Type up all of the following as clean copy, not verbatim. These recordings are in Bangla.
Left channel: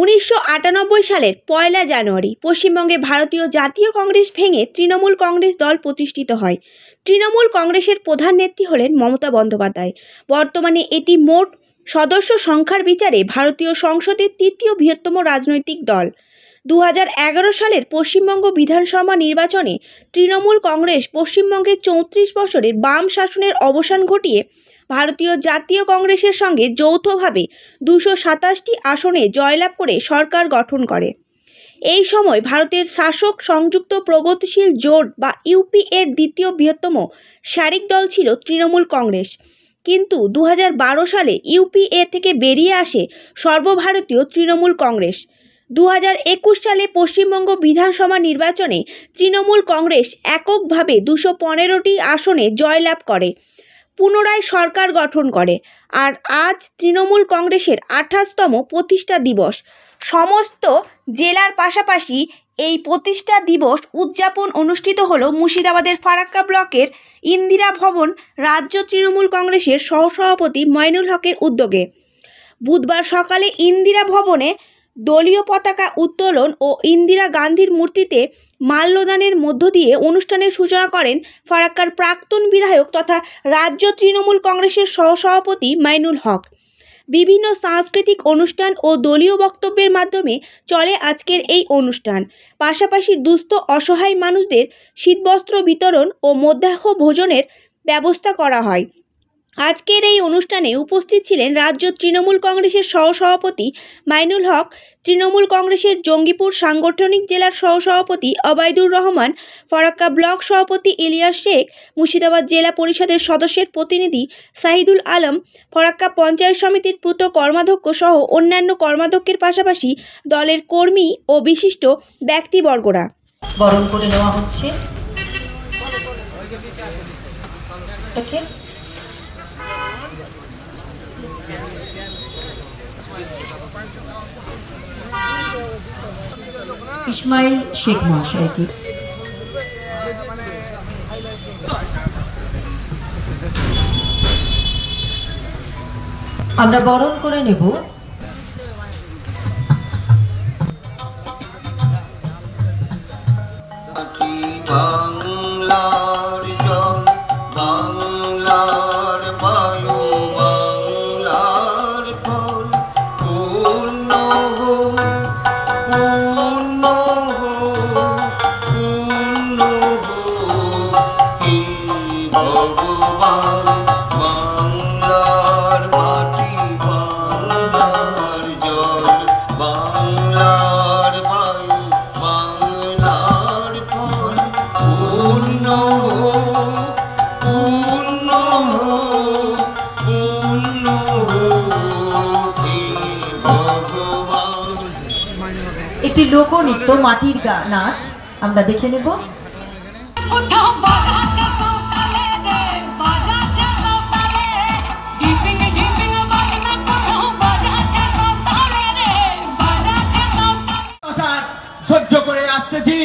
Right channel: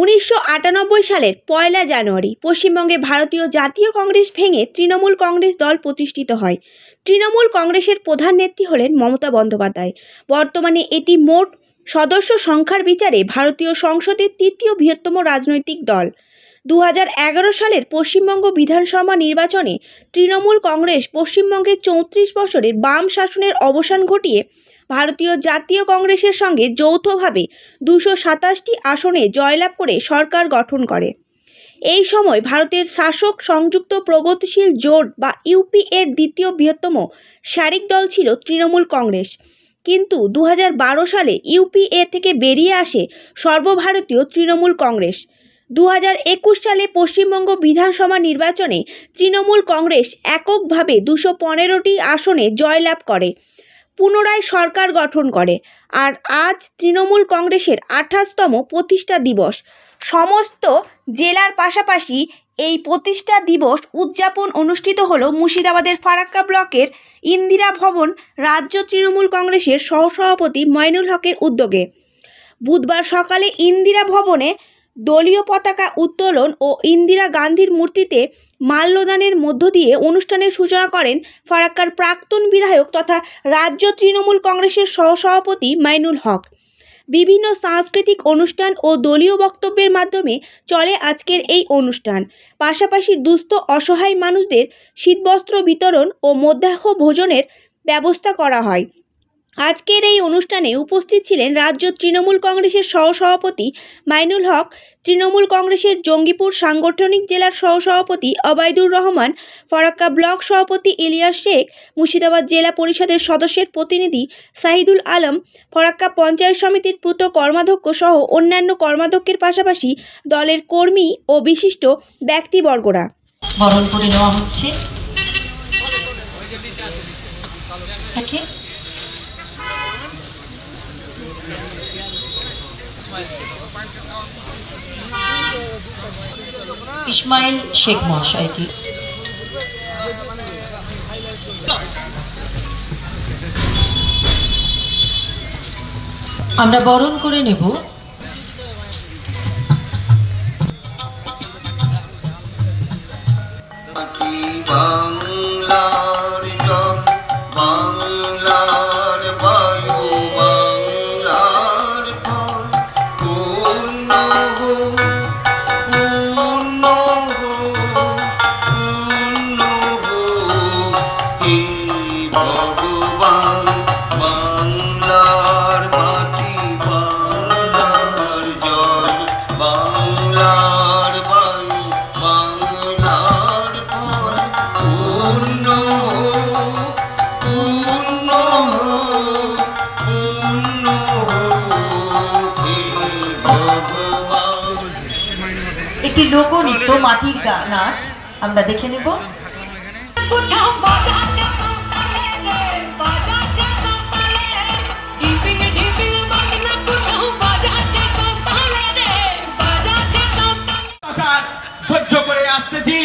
1998 সালের 1 জানুয়ারি পশ্চিমবঙ্গে ভারতীয় জাতীয় কংগ্রেস ভেঙে তৃণমূল কংগ্রেস দল প্রতিষ্ঠিত হয়। তৃণমূল কংগ্রেসের প্রধান নেত্রী হলেন মমতা বন্দ্যোপাধ্যায়। বর্তমানে এটি মোট সদস্য সংখ্যার বিচারে ভারতীয় সংসদের তৃতীয় বৃহত্তম রাজনৈতিক দল। 2011 সালের পশ্চিমবঙ্গ বিধানসভা নির্বাচনে তৃণমূল কংগ্রেস পশ্চিমবঙ্গের 34 বছরের বাম শাসনের অবসান ঘটিয়ে ভারতীয় জাতীয় কংগ্রেসের সঙ্গে যৌথভাবে 227টি আসনে জয়লাভ করে সরকার গঠন করে। এই সময় ভারতের শাসক সংযুক্ত প্রগতিশীল জোট বা ইউপিএর দ্বিতীয় বৃহত্তম শারিক দল ছিল তৃণমূল কংগ্রেস। কিন্তু 2012 সালে ইউপিএ থেকে বেরিয়ে আসে সর্বভারতীয় তৃণমূল কংগ্রেস। 2021 সালে পশ্চিমবঙ্গ বিধানসভা নির্বাচনে তৃণমূল কংগ্রেস এককভাবে 215টি আসনে জয়লাভ করে পুনরায় সরকার গঠন করে। আর আজ তৃণমূল কংগ্রেসের 28তম প্রতিষ্ঠা দিবস। সমস্ত জেলার পাশাপাশি এই প্রতিষ্ঠা দিবস উদযাপন অনুষ্ঠিত হলো মুর্শিদাবাদের ফারাক্কা ব্লকের ইন্দিরা ভবন রাজ্য তৃণমূল কংগ্রেসের সহসভাপতি মইনুল হকের উদ্যোগে। বুধবার সকালে ইন্দিরা ভবনে দলীয় পতাকা উত্তোলন ও ইন্দিরা গান্ধীর মূর্তিতে মাল্যদানের মধ্য দিয়ে অনুষ্ঠানের সূচনা করেন ফারাক্কার প্রাক্তন বিধায়ক তথা রাজ্য তৃণমূল কংগ্রেসের সহসভাপতি মইনুল হক। বিভিন্ন সাংস্কৃতিক অনুষ্ঠান ও দলীয় বক্তব্যের মাধ্যমে চলে আজকের এই অনুষ্ঠান। পাশাপাশি দুস্থ অসহায় মানুষদের শীতবস্ত্র বিতরণ ও মধ্যাহ্ন ভোজনের ব্যবস্থা করা হয়। আজকের এই অনুষ্ঠানে উপস্থিত ছিলেন রাজ্য তৃণমূল কংগ্রেসের সহসভাপতি মইনুল হক, তৃণমূল কংগ্রেসের জঙ্গিপুর সাংগঠনিক জেলার সহসভাপতি অবায়দুর রহমান, ফারাক্কা ব্লক সভাপতি ইলিয়াস শেখ, মুর্শিদাবাদ জেলা পরিষদের সদস্যের প্রতিনিধি শাহিদুল আলম, ফারাক্কা পঞ্চায়েত সমিতির পূর্ত কর্মাধ্যক্ষ সহ অন্যান্য কর্মাধ্যক্ষের পাশাপাশি দলের কর্মী ও বিশিষ্ট ব্যক্তিবর্গরা। বরণ করে নেওয়া হচ্ছে। ইসমাইল শেখ মহাশয়কে আমরা বরণ করে নেব। একটি লোকনৃত্য মাটির নাচ আমরা দেখে নেব। সহ্য করে আসতেছি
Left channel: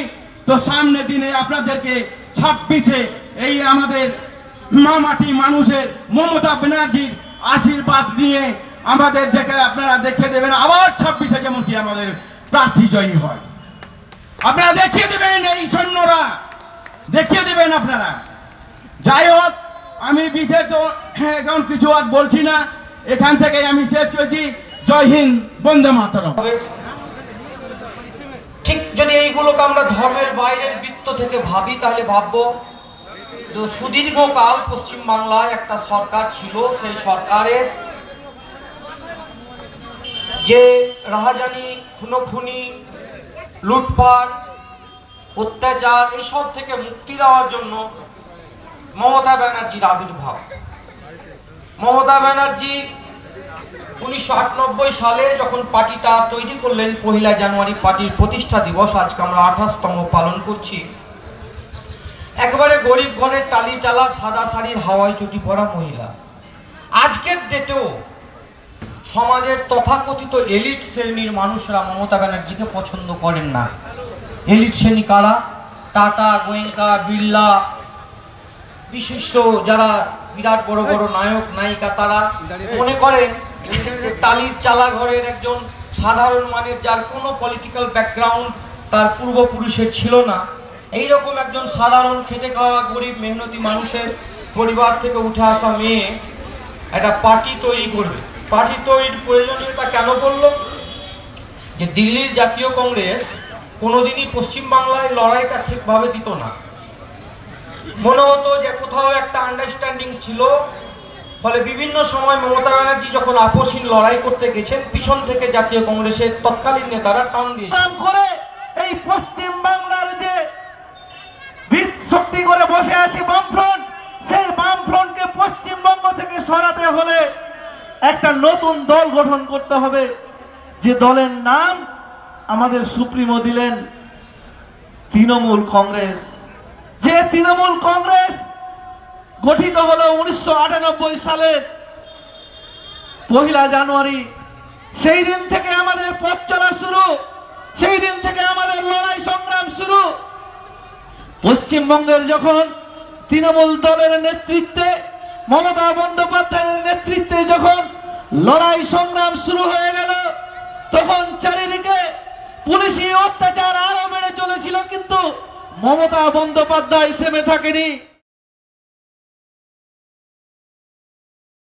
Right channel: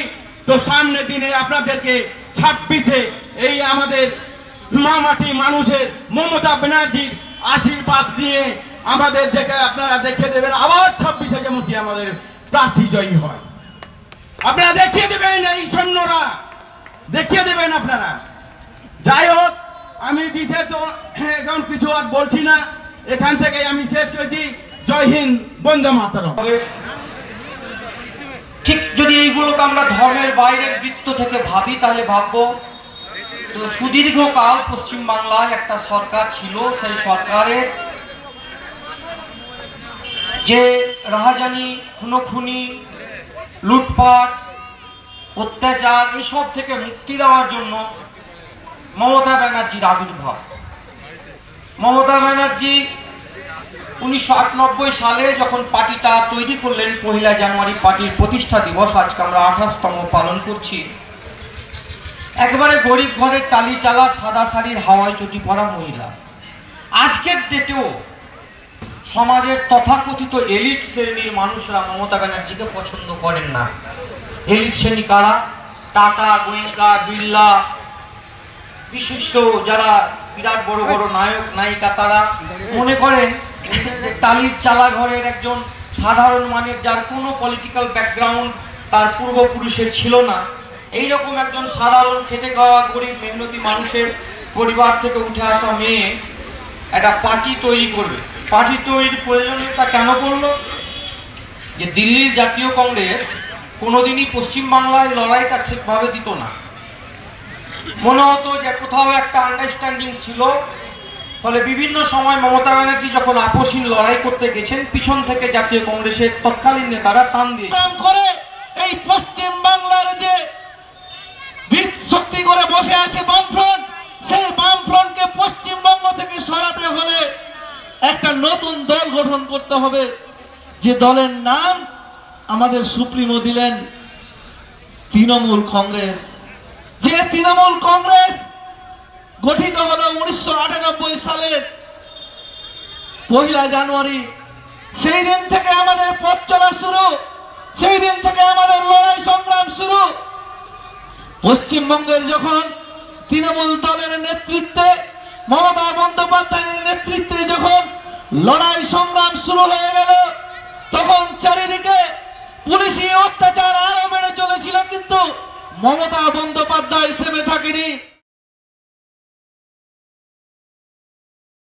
তো সামনে দিনে আপনাদেরকে 26-এ এই আমাদের মাটি মানুষের মমতা ব্যানার্জির আশীর্বাদ নিয়ে আমাদের দেখে আপনারা দেখে দেবেন আবার 26-এ যেমন কি আমাদের প্রার্থী জয়ী হয়। আপনারা দেখিয়ে দেবেন, এই সৈন্যরা দেখিয়ে দেবেন আপনারা। যাই হোক, আমি বিশেষ এখন কিছু আর বলছি না, এখান থেকে আমি শেষ করেছি। জয় হিন্দ, বন্দে মাতরম। ঠিক যদি এইগুলোকে আমরা ধর্মের বাইরের বৃত্ত থেকে ভাবি তাহলে ভাববো তো সুদীর্ঘকাল পশ্চিমবাংলায় একটা সরকার ছিল, সেই সরকারের যে রাহাজানি, খুনোখুনি, লুটপাট, অত্যাচার এইসব থেকে মুক্তি দেওয়ার জন্য মমতা ব্যানার্জির আবির্ভাব। মমতা ব্যানার্জি 1998 সালে যখন পার্টিটা তৈরি করলেন, 1 জানুয়ারি পার্টির প্রতিষ্ঠা দিবস, আজকে আমরা 28তম পালন করছি। একবারে গরিব ঘরের টালি চালা সাদা শাড়ির হাওয়ায় চটি পরা মহিলা। আজকের ডেটেও সমাজের তথাকথিত এলিট শ্রেণীর মানুষরা মমতা ব্যানার্জিকে পছন্দ করেন না। এলিট শ্রেণী কারা? টাটা, গোয়েঙ্কা, বিড়লা, বিশিষ্ট যারা বিরাট বড় বড় নায়ক নায়িকা, তারা মনে করেন টালির চালা ঘরের একজন সাধারণ মানের, যার কোনো পলিটিক্যাল ব্যাকগ্রাউন্ড তার পূর্বপুরুষের ছিল না, এইরকম একজন সাধারণ খেটে খাওয়া গরিব মেহনতি মানুষের পরিবার থেকে উঠে আসা মেয়ে একটা পার্টি তৈরি করবে। পার্টি তৈরির প্রয়োজনীয়তা কেন করলো? যে দিল্লির জাতীয় কংগ্রেস কোনোদিনই পশ্চিমবাংলায় লড়াইটা ঠিকভাবে দিত না। মনে হতো যে কোথাও একটা আন্ডারস্ট্যান্ডিং ছিল, ফলে বিভিন্ন সময় মমতা ব্যানার্জি যখন আপসহীন লড়াই করতে গেছেন, পিছন থেকে জাতীয় কংগ্রেসের তৎকালীন নেতারা টান দিয়েছেন করে এই পশ্চিম বাংলার যে ভিত শক্তি করে বসে আছে বামফ্রন্ট, সেই বামফ্রন্টকে পশ্চিমবঙ্গ থেকে সরাতে হলে একটা নতুন দল গঠন করতে হবে, যে দলের নাম আমাদের সুপ্রিমো দিলেন তৃণমূল কংগ্রেস। যে তৃণমূল কংগ্রেস গঠিত হলো 1998 সালের 1 জানুয়ারি। সেই দিন থেকে আমাদের পথ চলা শুরু, সেই দিন থেকে আমাদের লড়াই সংগ্রাম শুরু। পশ্চিমবঙ্গের যখন তৃণমূল দলের নেতৃত্বে, মমতা বন্দ্যোপাধ্যায়ের নেতৃত্বে যখন লড়াই সংগ্রাম শুরু হয়ে গেল, তখন চারিদিকে পুলিশি অত্যাচার আরো বেড়ে চলেছিল, কিন্তু মমতা বন্দ্যোপাধ্যায় থেমে থাকেনি।